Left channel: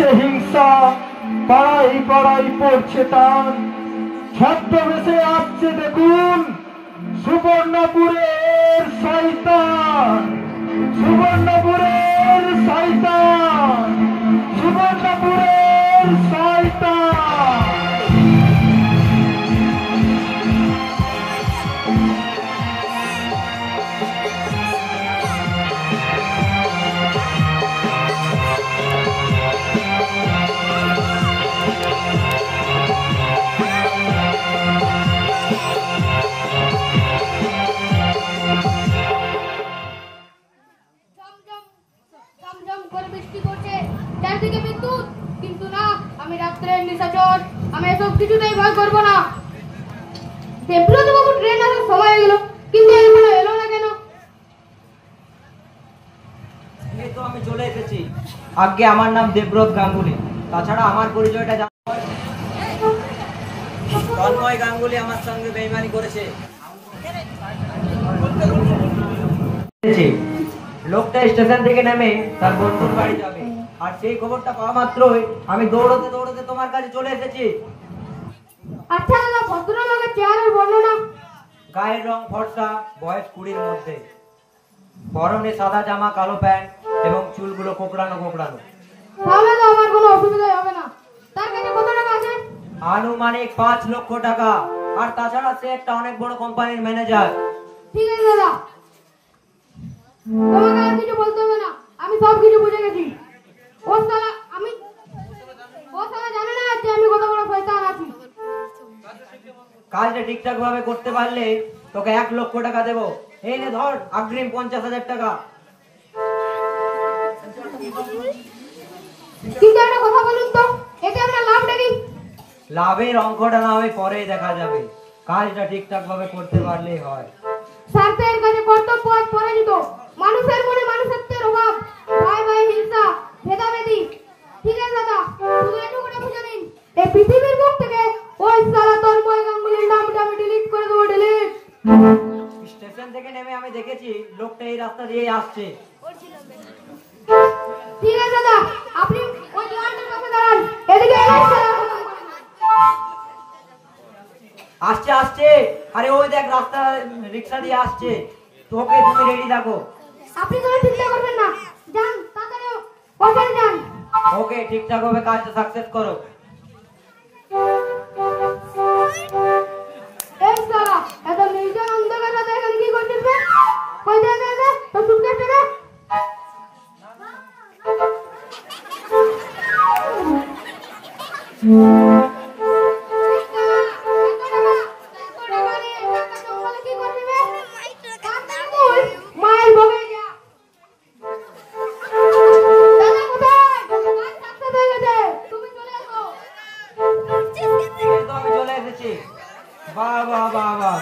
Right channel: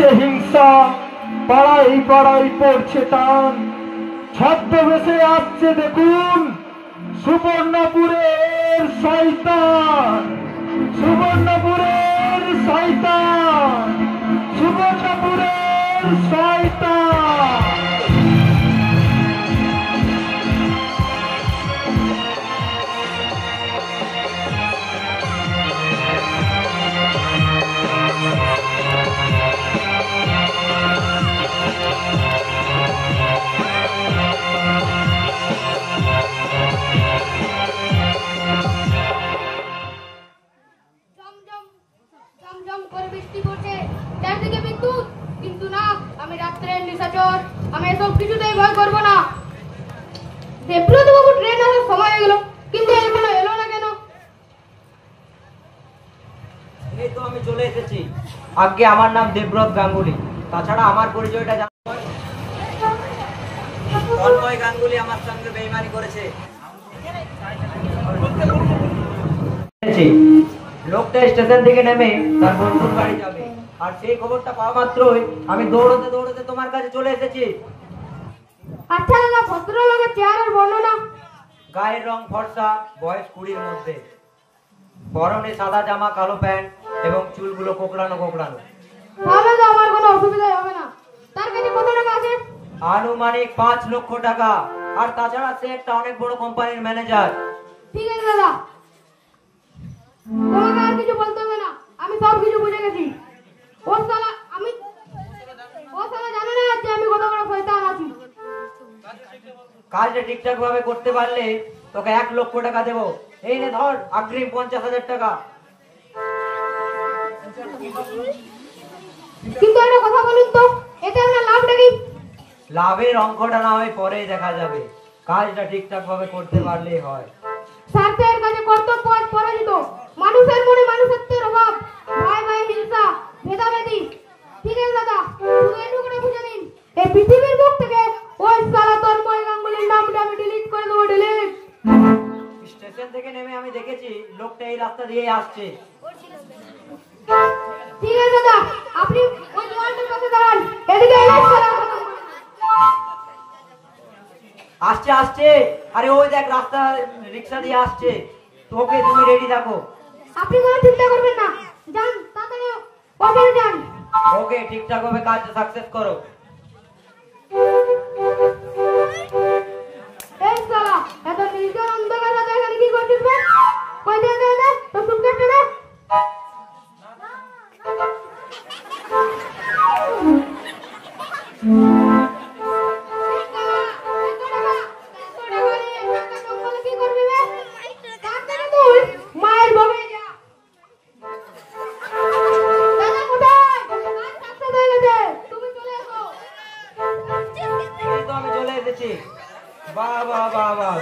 চলছে হিংসা, পাড়াই পাড়াই পড়ছে টান। ছদ্মবেশে আসছে দেখুন সুবর্ণপুরের শয়তান, সুবর্ণপুরের শয়তান, সুবর্ণপুরের শয়তান। আগে আমার নাম দেবব্রত গাঙ্গুলি। তাছাড়া আমার পরিচয়টা তন্ময় গাঙ্গুলি আমার সঙ্গে বেইমানি করেছে। লোকটা স্টেশন থেকে নেমে তার বন্ধুর বাড়ি যাবে, আর সেই খবরটা পাওয়া মাত্রই আমি দৌড়তে দৌড়তে তোমার কাছে চলে এসেছি। আচ্ছা দাদা, ভদ্রলোকের চেহারার বর্ণনা। গায়ের রং ফর্সা, বয়স 20-র মধ্যে, পরনে সাদা জামা, কালো প্যান্ট এবং চুলগুলো কোকড়ানো কোকড়ানো। তাহলে তো আমার কোনো অসুবিধা হবে না। তার কাছে কত টাকা আছে? আনুমানিক 5 লক্ষ টাকা। আর তাছাড়া সে একটা অনেক বড় কোম্পানির ম্যানেজার। ঠিক আছে দাদা, তোমাকে আর কিছু বলতে হবে না, আমি সব কিছু বুঝে গেছি। ও শালা জানে না যে আমি কত বড় শয়তান আছি। কাজটা ঠিকঠাক ভাবে করতে পারলে তোকে 1 লক্ষ টাকা দেবো। এই নে ধর অগ্রিম 50,000 টাকা। কিন্তু একটা কথা বলুন তো, এতে আমরা লাভটা কি? লাভের অঙ্কটা না হয় পরেই দেখা যাবে, কাজটা ঠিকঠাক ভাবে করতে পারলেই হয়। স্বার্থের কাছে কর্তব্য আজ পরাজিত। মানুষের মনে মানুষত্বের অভাব, ভয় ভয়, হিংসা, ভেদাভেদি। ঠিক আছে দাদা, শুধু এটুকু বুঝে নিন, এই পৃথিবীর বুক থেকে ওই শালা তন্ময় গাঙ্গুলির নামটা আমি ডিলিট করে দেবো। ডিলিট। স্টেশন থেকে নেমে আমি দেখেছি লোকটা এই রাস্তা দিয়ে আসছে। ঠিক আছে দাদা, আপনি ওই লাইনের কাছে দাঁড়ান। এদিকে আসছে আসছে। আরে ওই দেখ রাস্তা, রিক্সা দিয়ে আসছে। তোকে তুমি রেডি থাকো। আপনি কোনো চিন্তা করবেন না, যান তাড়াতাড়ি ওখানে যান। ওকে, ঠিকঠাক ভাবে কাজটা সাকসেস করো। এই শালা, এত নির্জন অন্ধকার রাতে এখানে কি করছিস বে? কই দে দে দে, তো সুটকেসটা দে।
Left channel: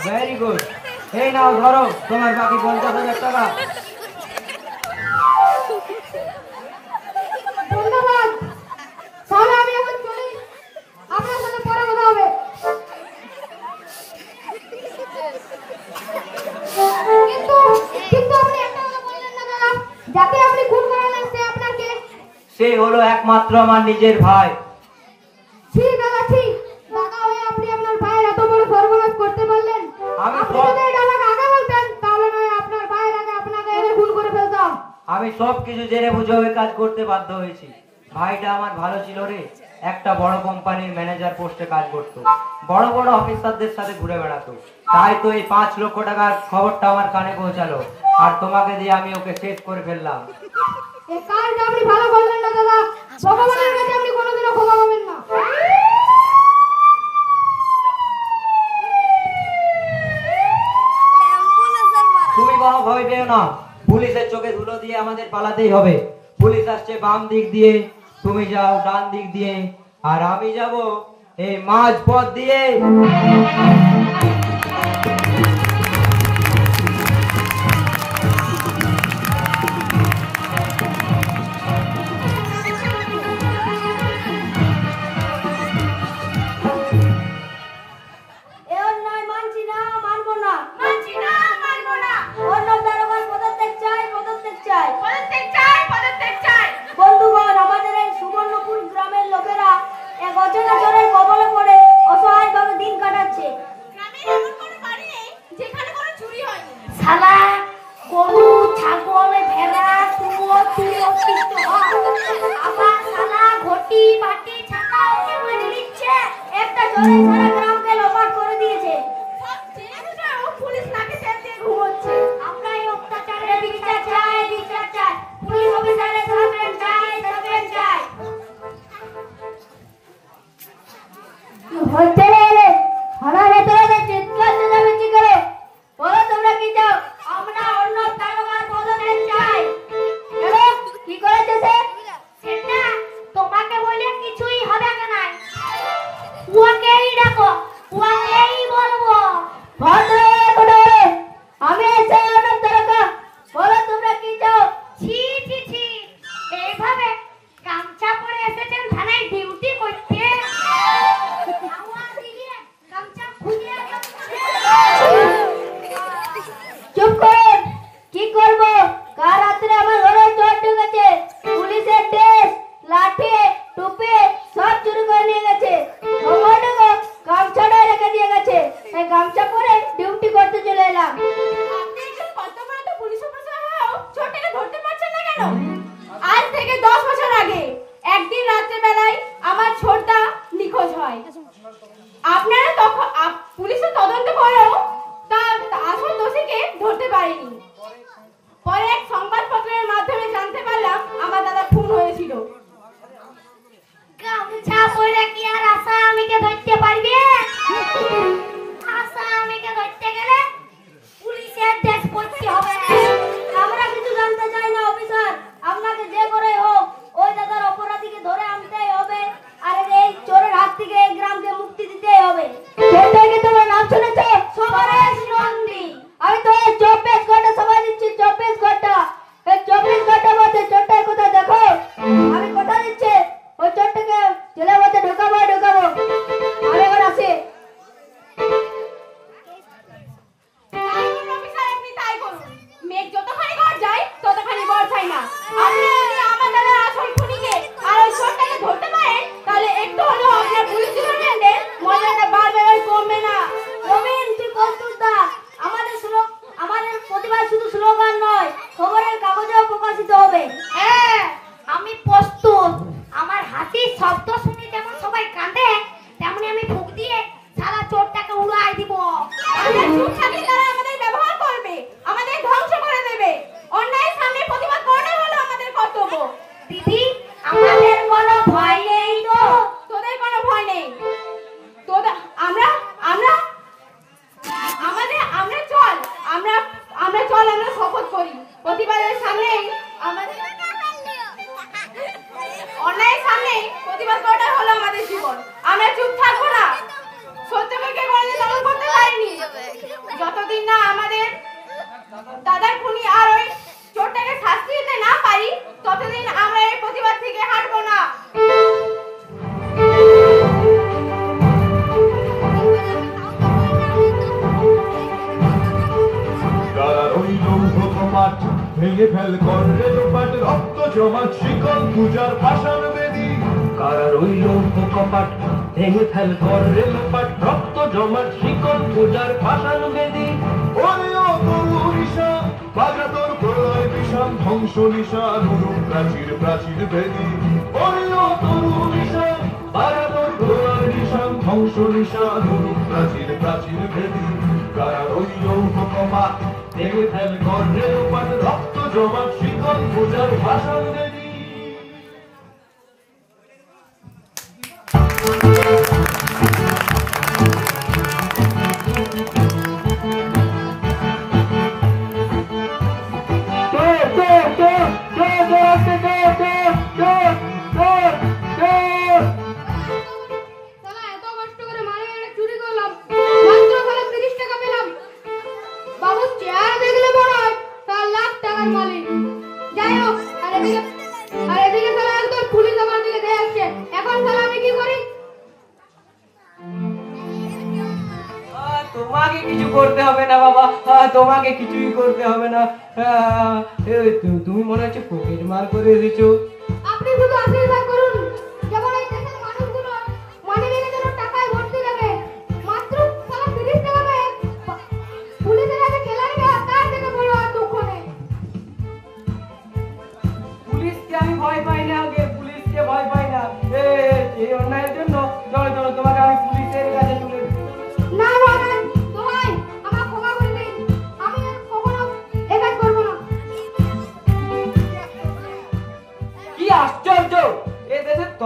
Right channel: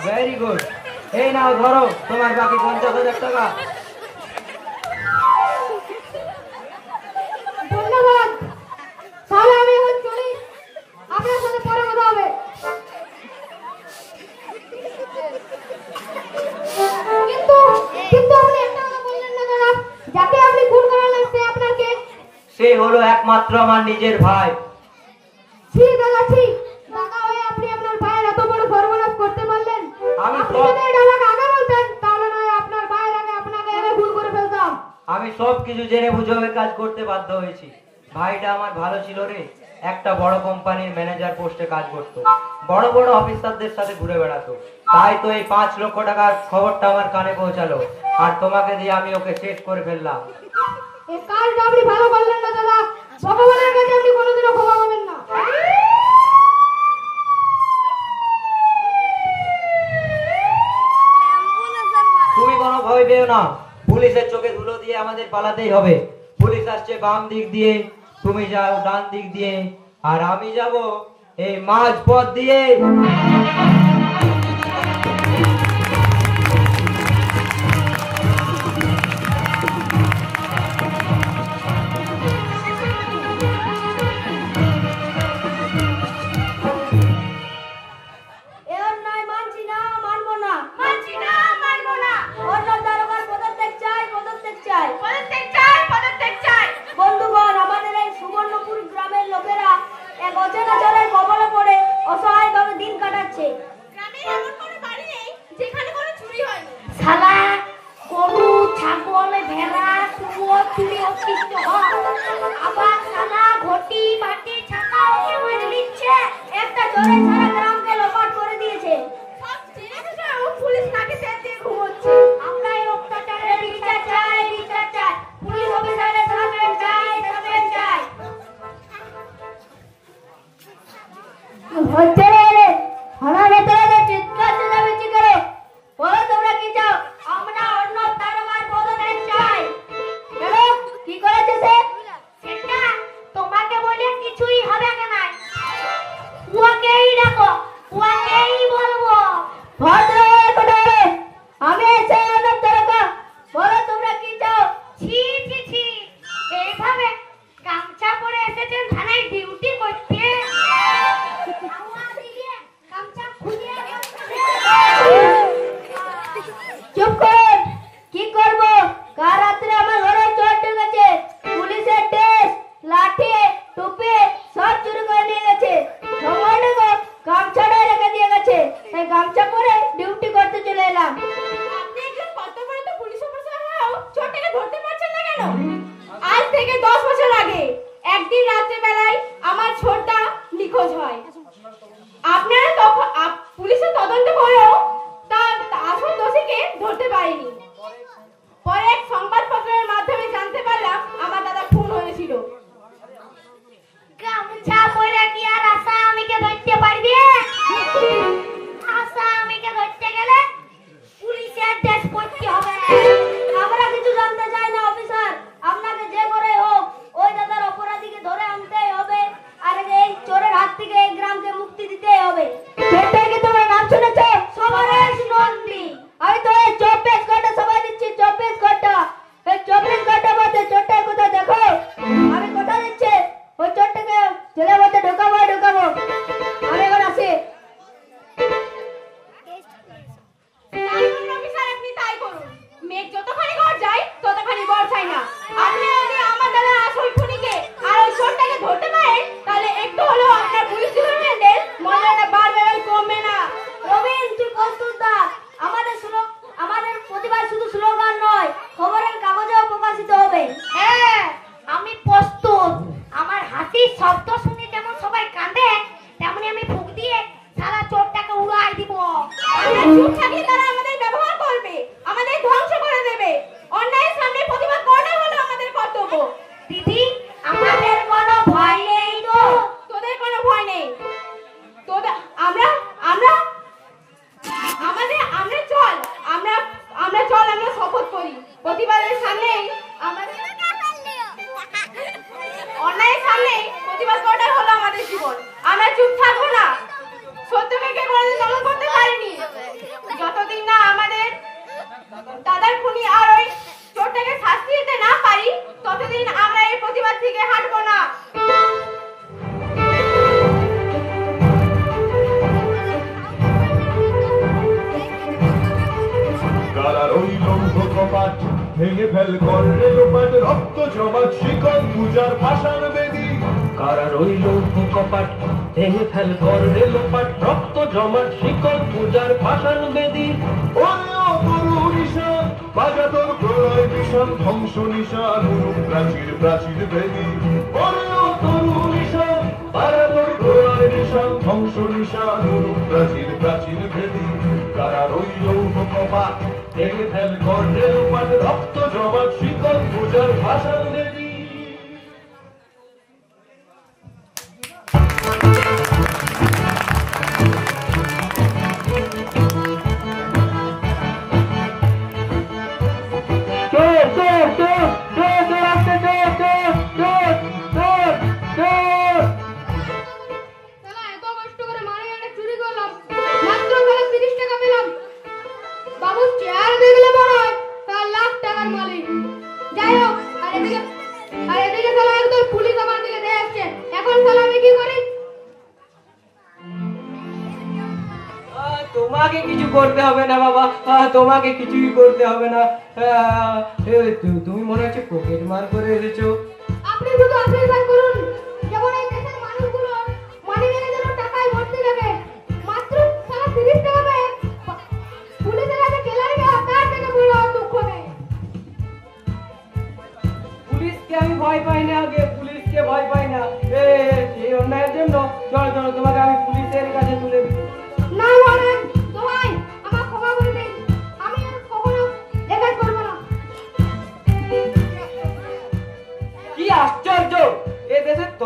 Very good. এই নাও ধরো তোমার বাকি 50,000 টাকা। ধন্যবাদ। তাহলে আমি এখন চলি, আপনার সাথে পরে কথা হবে। কিন্তু আপনি একটা কথা বললেন না দাদা, যাকে আপনি খুন করালেন সে আপনার কে? সে হলো একমাত্র আমার নিজের ভাই। ঠিক দাদা, ঠিক। দাদা হয়ে আপনি আপনার ভাইয়ের এত বড় সর্বনাশ করতে পারলেন। আপনি যদি এটা আমাকে আগে বলতেন, তাহলে নয় আপনার ভাইয়ের আগে আপনাকে এনে ভুল করে ফেলতাম। আমি সব কিছু জেনে বুঝে ওই কাজ করতে বাধ্য হয়েছি। ভাইটা আমার ভালো ছিল রে, একটা বড় কোম্পানির ম্যানেজার পোস্টে কাজ করতো, বড় বড় অফিসারদের সাথে ঘুরে বেড়াতো। তাই তো এই 5 লক্ষ টাকার খবরটা আমার কানে পৌঁছালো, আর তোমাকে দিয়ে আমি ওকে শেষ করে ফেললাম। এই কাজটা আপনি ভালো করলেন না দাদা। ভগবানের কাছে আপনি কোনোদিনও ক্ষমা পাবেন না। তুমি কোনো ভয় পেও না, পুলিশের চোখে ধুলো দিয়ে আমাদের পালাতেই হবে। পুলিশ আসছে বাম দিক দিয়ে, তুমি যাও ডান দিক দিয়ে, আর আমি যাব এই মাঝ পথ দিয়ে। চোরে সারা গ্রামকে লোপাট করে দিয়েছে। পুলিশ নাকি তেল দিয়ে ঘুমোচ্ছে। আমরা এই অত্যাচারের বিচার চাই, বিচার চাই। পুলিশ অফিসারের সাসপেন্ড চাই, সাসপেন্ড চাই। হচ্ছে রে, আমার ভেতরে চিৎকার চেঁচামেচি করে বলো তোমরা কি চাও? আমরা অন্য দারোগার পদত্যাগ চাই। কেন? কি করেছে সে? সেটা তোমাকে বলে কিছুই হবে না। নাই উহাকেই ডাকো, উহাকেই বলবো। আমি এসে অন্য দারোগা, বলো তোমরা কি চাও? ছি ছি ছি, এইভাবে গামছা পরে এসেছেন থানায় ডিউটি করতে? গামছা খুলে চুপ করুন। কি করব? কাল রাত্রে আমার ঘরে চোর ঢুকেছে। পুলিশের ড্রেস, লাঠি, টুপি সব চুরি করে নিয়ে গেছে। সামান্য গামছাটা রেখে দিয়ে গেছে, তাই গামছা পরে ডিউটি করতে চলে এলাম। আপনি একজন কর্তব্যরত পুলিশ অফিসার হয়েও চোরটাকে ধরতে পারছেন না কেন? আজ থেকে 10 বছর আগে একদিন রাত্রে বেলায় আমার ছোটটা নিখোঁজ হয়। আপনারা তখন পুলিশের তদন্ত করেও তার আসল দোষীকে ধরতে পারেনি। পরে এক সংবাদপত্রের মাধ্যমে জানতে পারলাম আমার দাদা খুন হয়েছিল। গামছা পরে কি আর আসামিকে ধরতে পারবে? আসামিকে ধরতে গেলে পুলিশের ড্রেস পরতে হবে। আমরা কিছু জানতে চাই না অফিসার, আপনাকে যে করে হোক ওই দাদার অপরাধীকে ধরে আনতেই হবে। আর এই চোরের হাত থেকে এই গ্রামকে মুক্তি দিতেই হবে। সেটাকে তোমরা নাম শুনেছ? সবারেশ নন্দী। আমি তো এই 24 ঘন্টা সময় দিচ্ছি, 24 ঘন্টা। এই 24 ঘন্টার মধ্যে চোরটার কোথায় দেখো। আমি কথা দিচ্ছি ওই চোরটাকে জেলের মধ্যে ঢোকাবো। আমি এখন আসি। আপনি তাই করুন। মেঘ যতখানি ঘর যায় ততখানি ঘর চাই না। আপনি যদি আমার দাদা আসল খুনিকে আর ওই চোরটাকে ধরতে পারেন, তাহলে একটু হলেও আপনার পুলিশ ডিপার্টমেন্টের মর্যাদা বাড়বে, কমবে না। রবীন তুই প্রস্তুত থাক। আমাদের প্রতিবাদ শুধু স্লোগান নয়, খবরের কাগজেও প্রকাশিত হবে। হ্যাঁ, আমি প্রস্তুত। আমার হাসির শব্দ শুনে যেমন সবাই কাঁদে, তেমনি আমি ফুঁক দিয়ে সারা চোরটাকে উড়াই দিব। চুপ থাকলে তারা আমাদের ব্যবহার করবে, আমাদের ধ্বংস করে দেবে। অন্যায়ের সামনে প্রতিবাদ করাটাই হলো আমাদের কর্তব্য। দিদি, আমাদের কোনো ভয় নেই তো? তোদের কোনো ভয় নেই? আমরা শপথ করি প্রতিবাদের সামনেই আমাদের অন্যায়ের সামনেই প্রতিবাদ করাটা হলো আমাদের জীবন। আমরা চুপ থাকবো না। সত্যকে কে কোনোদিন দমন করতে পারেনি। যতদিন না আমাদের দাদার খুনি আর ওই চোরটাকে শাস্তি দিতে না পারি, ততদিন আমরা এই প্রতিবাদ থেকে হাঁটবো না। ভেঙে ফেল কর্ণের পাট, রক্ত জমাট শিকল পূজার পাষাণ বেদী। কারা রইল কপাট, ভেঙে ফেল কর্ণের পাট, রক্ত জমাট শিকল পূজার পাষাণ বেদী। ওরে ও তরু নিশান, বাজা তোর প্রলয় নিশান, ধ্বংস নিশান, প্রাচীর প্রাচীর বেদী। ওরে ও তরু নিশান, বাজা তোর প্রলয় নিশান, ধ্বংস নিশান, প্রাচীর প্রাচীর বেদী। কারা রইল কপাট, ভেঙে ফেল কর্ণের পাট, রক্ত জমাট শিকল পূজার পাষাণ বেদী। তোমাকে কিছু করতে হবে না বাবা, তোমাকে কিছুই করতে হবে না। তুমি মনে হচ্ছে পকেট মার করে এসেছো। আপনি শুধু আশীর্বাদ করুন, যেমন এই দেশের মানুষগুলো মানি মেনে যেন টাকায় ভর্তি থাকে। মাত্র 30 টাকা পেয়ে পুলিশের কাছে খেলারি দেওয়া তার থেকে বড় আর দুঃখ নেই। পুলিশকে আমি ভয় পাই না, আগে পুলিশকে ভয় পাই না। এই অন্যায়ের জন্য চলো চলো, তোমাকে আমি পুলিশের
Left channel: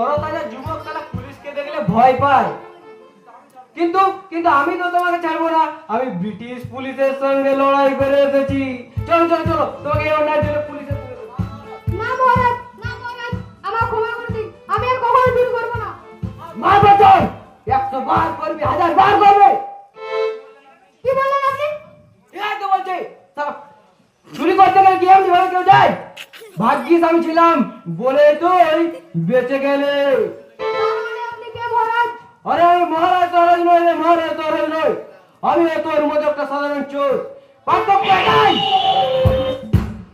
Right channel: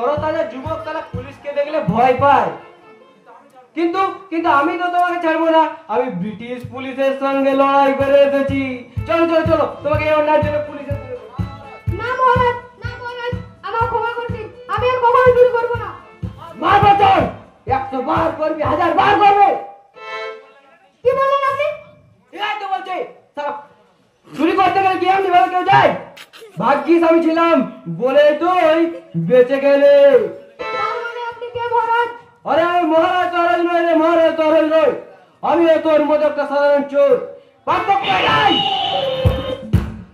তরতাজা যুবক তারা পুলিশকে দেখলে ভয় পায়। কিন্তু কিন্তু আমি তো তোমাকে ছাড়বো না, আমি ব্রিটিশ পুলিশের সঙ্গে লড়াই করে এসেছি। চলো চলো চলো, তোমাকে এই অন্যায়ের জন্য পুলিশের সঙ্গে না মহারাজ, না মহারাজ, আমার ক্ষমা করে দিন, আমি আর কখনো চুরি করবো না। মারবে চল, 100 বার করবি, 1000 বার করবে। কি বললেন আপনি? এই তো বলছে সারা চুরি করতে গেলে কি এমনি ভাবে কেউ যায়? ভাগ্যিস আমি ছিলাম বলে তুই বেঁচে গেলে। তার মানে আপনি কে মহারাজ? আরে আমি মহারাজ তরাজ নয় রে, মহারাজ তরাজ নয়, আমি তোর মতো একটা সাধারণ চোর। পার্থক্য নাই,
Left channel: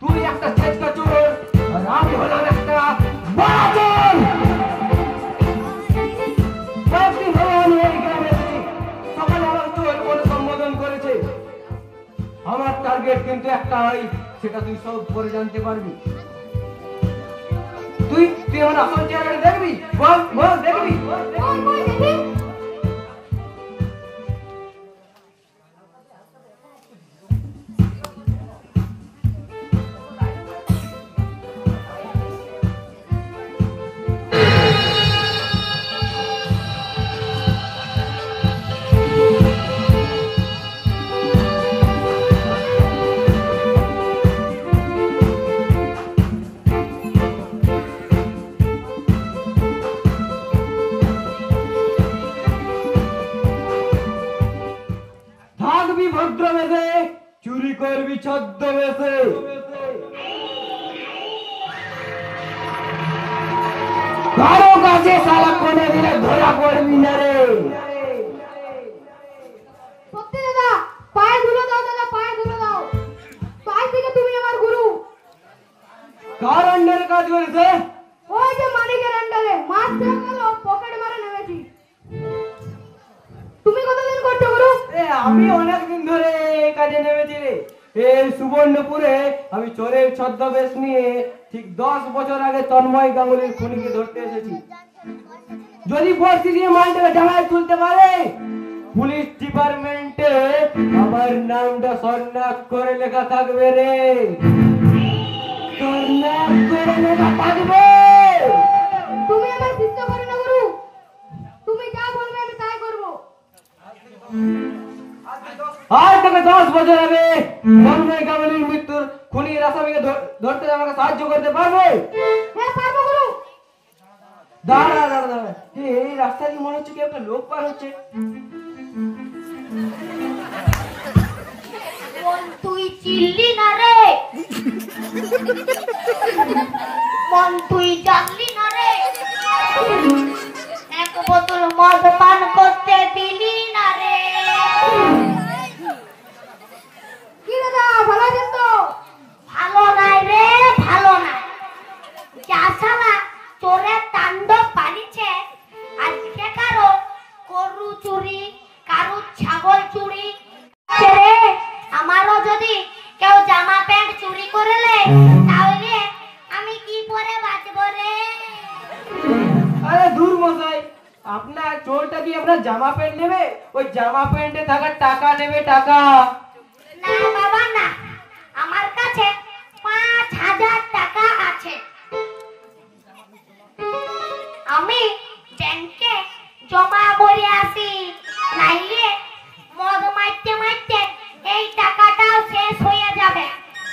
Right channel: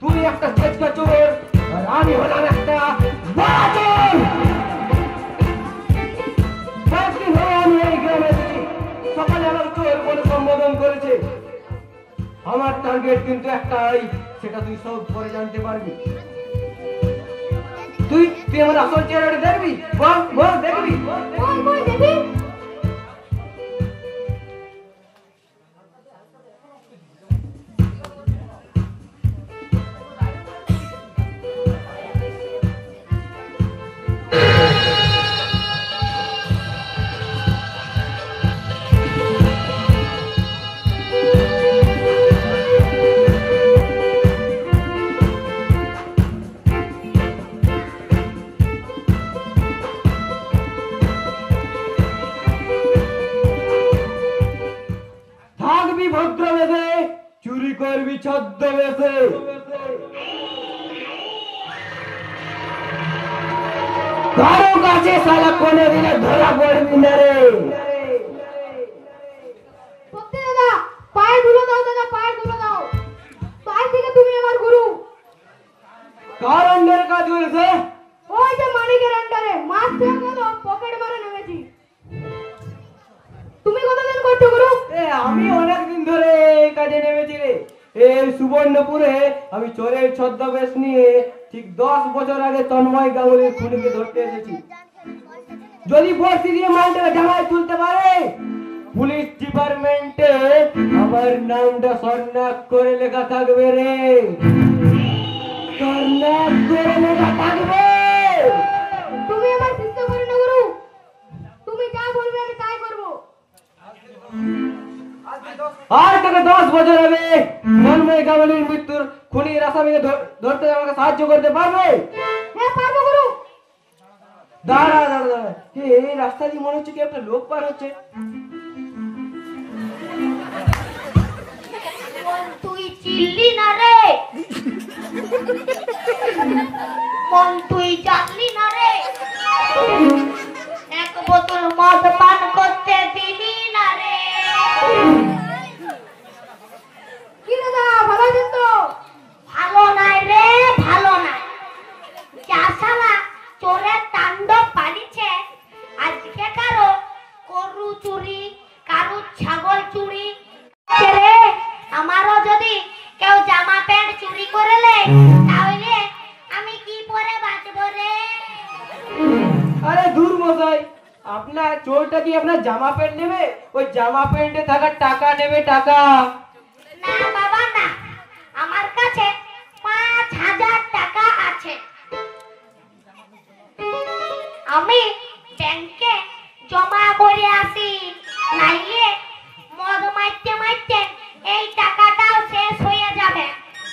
তুই একটা চেষ্টা চোর আর আমি হলাম একটা বড় চোর। কয়েকদিন হয়ে আমি এই গ্রামে এসেছি, সকালে আমার চোর বলে সম্বোধন করেছে। আমার টার্গেট কিন্তু একটাই, সেটা তুই সব করে জানতে পারবি। তুই তুই আমার আসল চেহারাটা দেখবি, বল বল দেখবি, বল দেখবি। কই কই দেখি? থাকবি ভদ্রবেশে, চুরি করবি ছদ্মবেশে। কারো কাছে শালা কোনোদিনও ধরা পড়বি না রে। সত্যি দাদা, পায়ে ধুলো দাও দাদা, পায়ে ধুলো দাও। তাই থেকে তুমি আমার গুরু। কার আন্ডারে কাজ করেছে? ওই যে মানিকের আন্ডারে মাস দেওয়া গেল, পকেট মারা নেমেছি। তুমি কতদিন করছো গুরু? আমি অনেকদিন ধরে এই কাজে নেমেছি রে। এই সুবর্ণপুরে আমি চোরের ছদ্মবেশ নিয়ে ঠিক 10 বছর আগে তন্ময় গাঙ্গুলির খুনিকে ধরতে এসেছি। যদি বর্ষি দিয়ে মালটাকে ডাঙায় তুলতে পারে, পুলিশ ডিপার্টমেন্টে আমার নামটা সন্ন্যাস করে লেখা থাকবে রে, সন্ন্যাস করে লেখা থাকবে। তুমি আমার চিন্তা করো না গুরু, তুমি যা বলবে আমি তাই করবো। আর তোকে 10 বছর হবে তন্ময় গাঙ্গুলির মৃত্যুর খুনির আসামিকে ধরতে আমাকে সাহায্য করতে পারবে? হ্যাঁ পারবো গুরু। দাঁড়া দাঁড়া দাঁড়া, এই রাস্তা দিয়ে মনে হচ্ছে কি একটা লোক পার হচ্ছে। তুই চিল্লি না রে, মন তুই জানলি না রে, এক বোতল মদ পান করতে দিলি না রে। কি দাদা, ভালো আছেন তো? ভালো নাই রে, ভালো নাই। যা শালা চোরের তাণ্ডব বাড়িছে, আজকে কারো গরু চুরি, কারো ছাগল চুরি রে। আমারও যদি কেউ জামা প্যান্ট চুরি করে নেয়, তাহলে আমি কি পরে বাঁচবো রে? আরে দূর মশাই, আপনার চোরটা কি আপনার জামা প্যান্ট নেবে? ওই জামা প্যান্টে থাকা টাকা নেবে, টাকা। না বাবা না, আমার কাছে 5000 টাকা আছে। আমি ব্যাংকে জমা করে আসি, নাইলে মদ মারতে মারতে এই টাকাটাও শেষ হয়ে যাবে।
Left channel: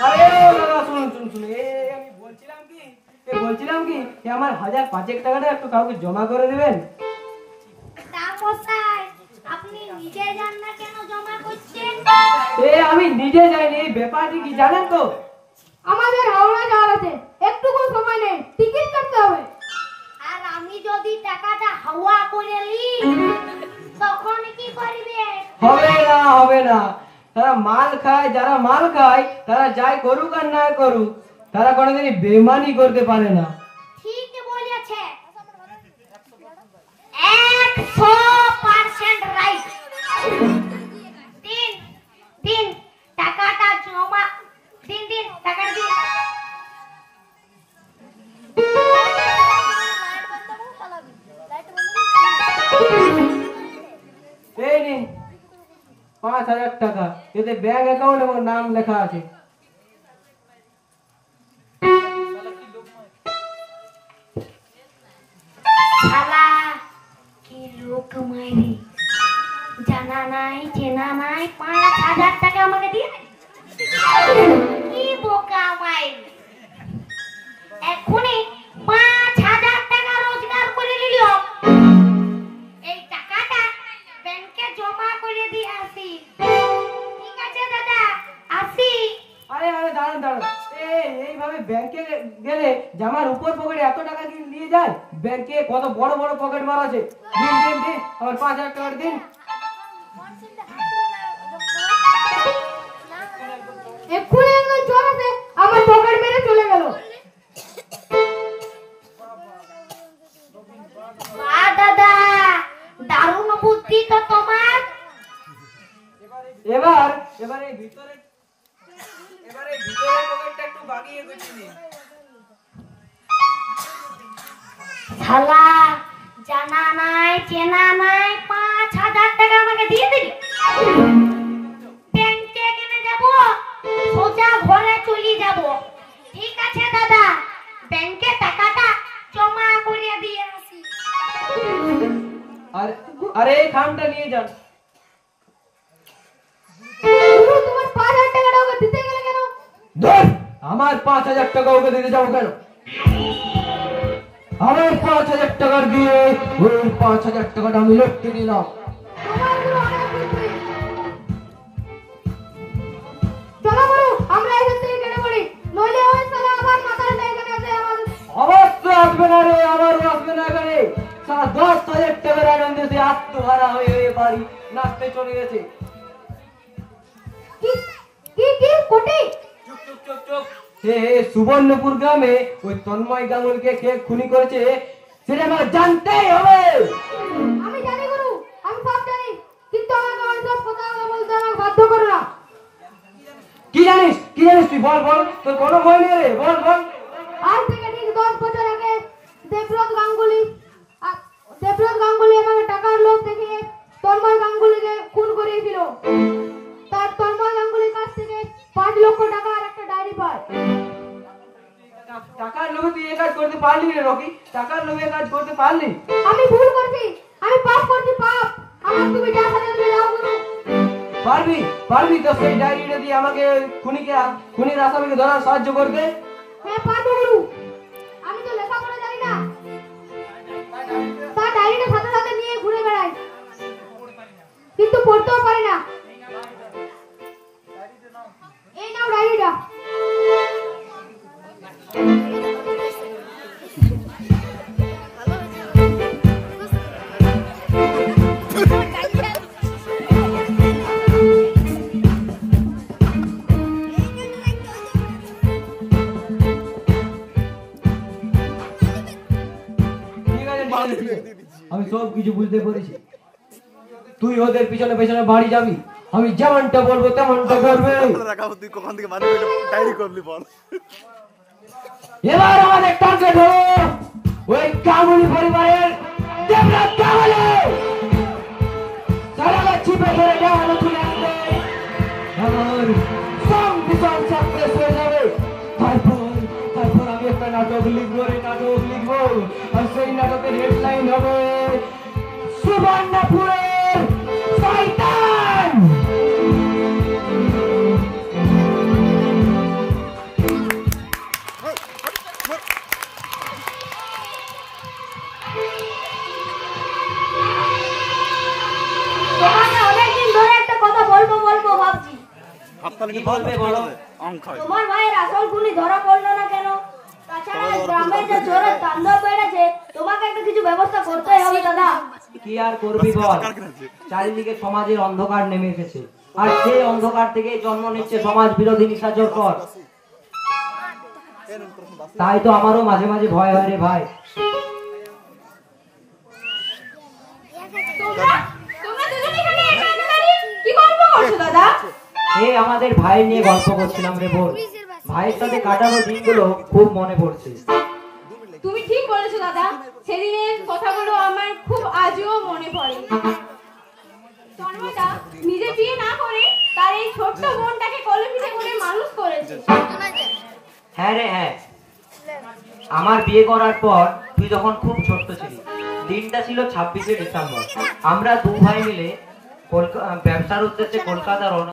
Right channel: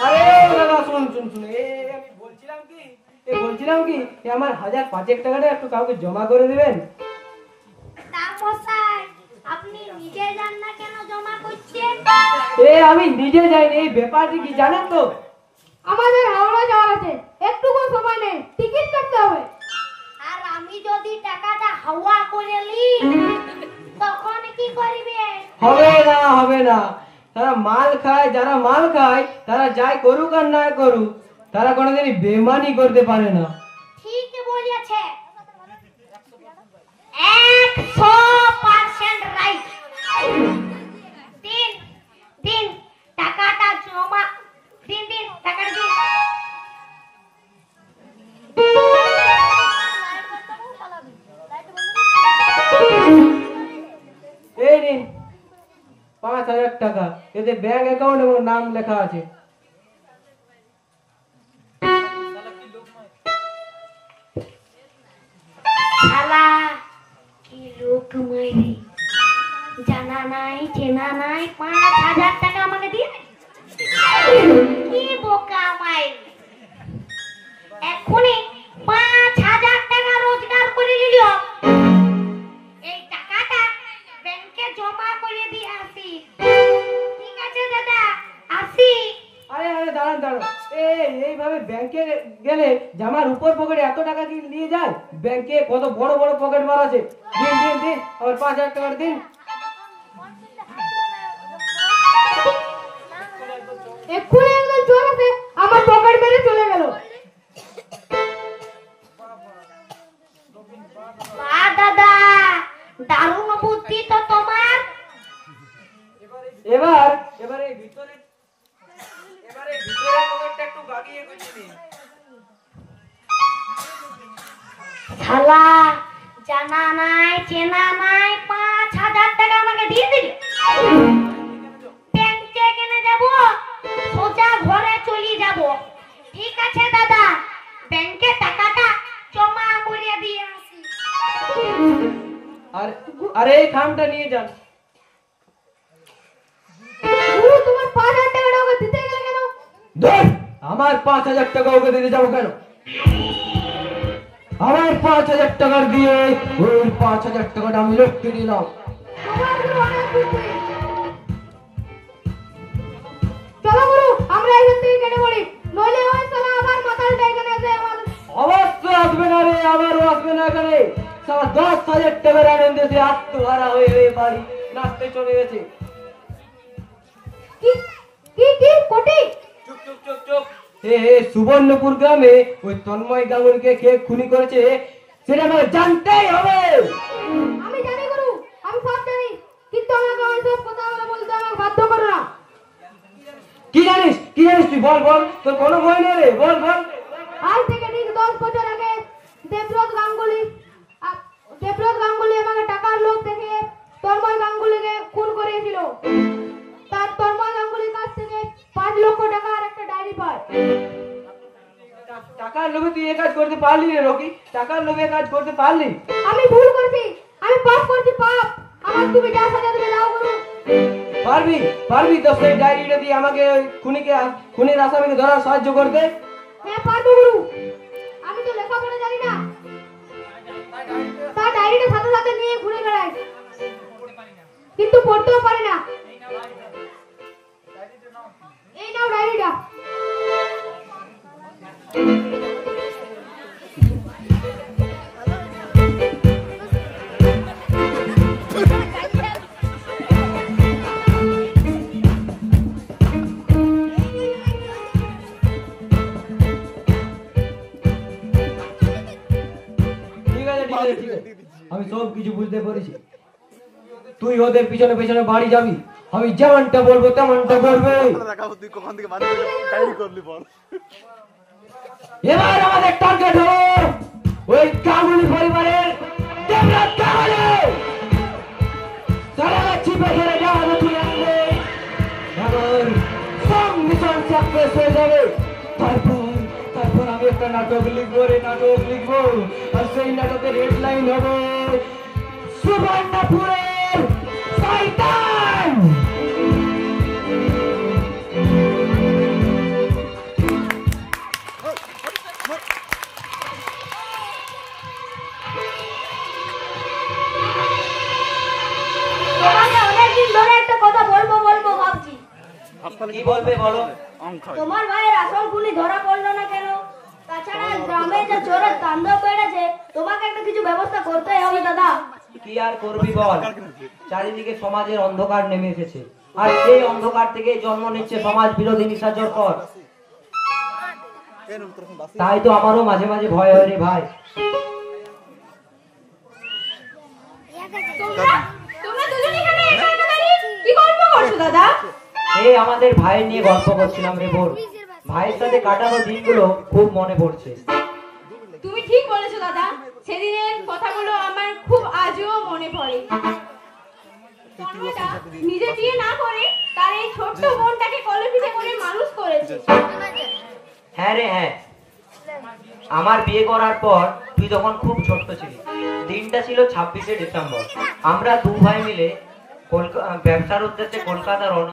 আরে দাদা শুন শুন শুন, আমি বলছিলাম কি আমার 1005 টাকাটা একটু কাউকে জমা করে দেবেন। তা মশাই, আপনি নিজে যান না কেন জমা করছেন? আমি নিজে যাইনি, এই ব্যাপারটি কি জানেন তো? আমাদের হাওড়া যাওয়ার আছে, একটুকু সময় নেই, টিকিট কাটতে হবে। আর আমি যদি টাকাটা হাওয়া করে নি, তখন কি করবে? হবে না, তারা মাল খায়, যারা মাল খায় তারা যাই করুক আর না করুক, তারা কোনোদিনই বেমানি করতে পারে না। ঠিক বলেছে, 100% রাইট। দিন দিন টাকাটা জমা, দিন দিন টাকাটা দিন। এই নিন 5000 টাকা, এতে ব্যাংক অ্যাকাউন্ট এবং নাম লেখা আছে। কামাই রে, জানা নাই চেনা নাই, 5,000 টাকা আমাকে দিয়ে দে। কি বোকা মাই, এখনই 5,000 টাকা রোজগার করে নিল, এই টাকাটা ব্যাংকে জমা করে দিয়ে আসি। ঠিক আছে দাদা, আসি। আরে আরে দাঁড়ান দাঁড়ান, এইভাবে ব্যাংকে গেলে জামার উপর পকেটে এত টাকা কি নিয়ে যায়? ব্যাংকে কত বড় বড় পকেট মার আছে। দিন দিন দিন, আমার 5,000 টাকা দিন। এক্ষুনি একজন চোর এসে আমার পকেট মেরে চলে গেল। বাহ দাদা, দারুণ বুদ্ধি তো তোমার। এবার এই ভিতরে পকেটটা একটু বাগিয়ে গুছিয়ে। শালা, জানা নাই চেনা নাই, 5,000 টাকা আমাকে দিয়ে দিল। ব্যাংকে কেনে যাব, সোজা ঘরে চলে যাব। ঠিক আছে দাদা, ব্যাংকে টাকাটা জমা করে দিয়ে আসি। আর এই খামটা নিয়ে যান। গুরু, তোমার 5,000 টাকাটা ওকে দিতে গেলে কেন? ধর, আমার 5,000 টাকা ওকে দিতে যাবো কেন? আমার 5,000 টাকা দিয়ে ওই 5,000 টাকাটা আমি লটকে নিলাম। তোমার গুরু অনেক বুদ্ধি। চলো গুরু, আমরা এখান থেকে কেটে পড়ি, নইলে ওই শালা আবার মাথাটা এখানে আসে আমার। অবশ্যই আসবে না রে, আবারও আসবে না এখানে। 10,000 টাকার আনন্দ দিয়ে আত্মহারা হয়ে হয়ে বাড়ি নাচতে চলে গেছে। কি কি কি কোটি? চুপ চুপ চুপ চুপ। সুবর্ণপুর গ্রামে ওই তন্ময় গাঙ্গুলিকে কে খুনি করেছে সেটা আমাকে জানতেই হবে। আমি জানি গুরু, আমি সব জানি, কিন্তু আমাকে ওই সব কথা বলতে আমাকে বাধ্য করো না। কি জানিস তুই? বল বল, তোর কোনো ভয় নেই রে, বল বল। আজ থেকে ঠিক 10 বছর আগে দেবব্রত গাঙ্গুলি আমাকে টাকার লোভ দেখিয়ে তন্ময় গাঙ্গুলিকে খুন করিয়েছিল। তার তন্ময় গাঙ্গুলির কাছ থেকে 5 লক্ষ টাকা আর একটা ডায়েরি পায়। টাকার লোভে তুই এই কাজ করতে পারলি রে রকি? টাকার লোভে কাজ করতে পারলি? আমি ভুল করছি, আমি পাপ করছি, পাপ। আমার তুমি যা সাজা দেবে দাও গুরু। পারবি তো সেই ডায়েরিটা দিয়ে আমাকে ওই খুনির আসামিকে ধরার সাহায্য করতে? হ্যাঁ পারবো গুরু, আমি তো লেখাপড়া জানি না, তার ডায়েরিটা সাথে সাথে নিয়ে ঘুরে বেড়াই, কিন্তু পড়তেও পারি না। এই নাও ডায়েরিটা। ঠিক আছে, আমি সব কিছু বুঝতে পেরেছি। তুই ওদের পিছনে পিছনে বাড়ি যাবি, আমি যেমনটা বলবো তেমনটা করবে। এবার আমাদের টার্গেট হলো ওই গাঙ্গুলি পরিবারের দেবরাজ গাঙ্গুলি। সারা চিপে ধরে দেওয়ানো তুলে আনবে, আমার সব মিশন সাকসেস হয়ে যাবে। তারপর আমি একটা নাটক লিখবো আর সেই নাটকের হেডলাইন হবে সুবর্ণপুরের শয়তান। তোমাকে অনেকদিন ধরে একটা কথা বলবো ভাবছি। কি বলবে বলো? তোমার ভাইয়ের আসল খুনি ধরা পড়লো না কেন? তাছাড়া গ্রামে যে চোরের তাণ্ডব বেড়েছে, তোমাকে একটা কিছু ব্যবস্থা করতেই হবে দাদা। কি আর করবি বল, চারিদিকে সমাজের অন্ধকার নেমে এসেছে, আর সেই অন্ধকার থেকে জন্ম নিচ্ছে সমাজ বিরোধী নিশাচর পথ। তাই তো আমারও মাঝে মাঝে ভয় হয় রে ভাই। তোমরা দুজনে এখানে একা একা দাঁড়িয়ে কি গল্প করছো দাদা? আমাদের ভাই নিয়ে গল্প করছিলাম রে বোন। ভাইয়ের সাথে কাটানো দিনগুলো খুব মনে পড়ছে। তুমি ঠিক বলেছো দাদা, সেদিনের কথাগুলো আমার খুব আজও মনে পড়ে। তন্ময়দা নিজে বিয়ে না করে তার এই ছোট্ট বোনটাকে কোলে পিঠে করে মানুষ করেছে। হ্যাঁ রে হ্যাঁ, আমার বিয়ে করার পর তুই তুই তখন খুব ছোট্ট ছিলি। দিনটা ছিল 26শে ডিসেম্বর। আমরা দু ভাই মিলে ব্যবসার উদ্দেশ্যে কলকাতা রওনা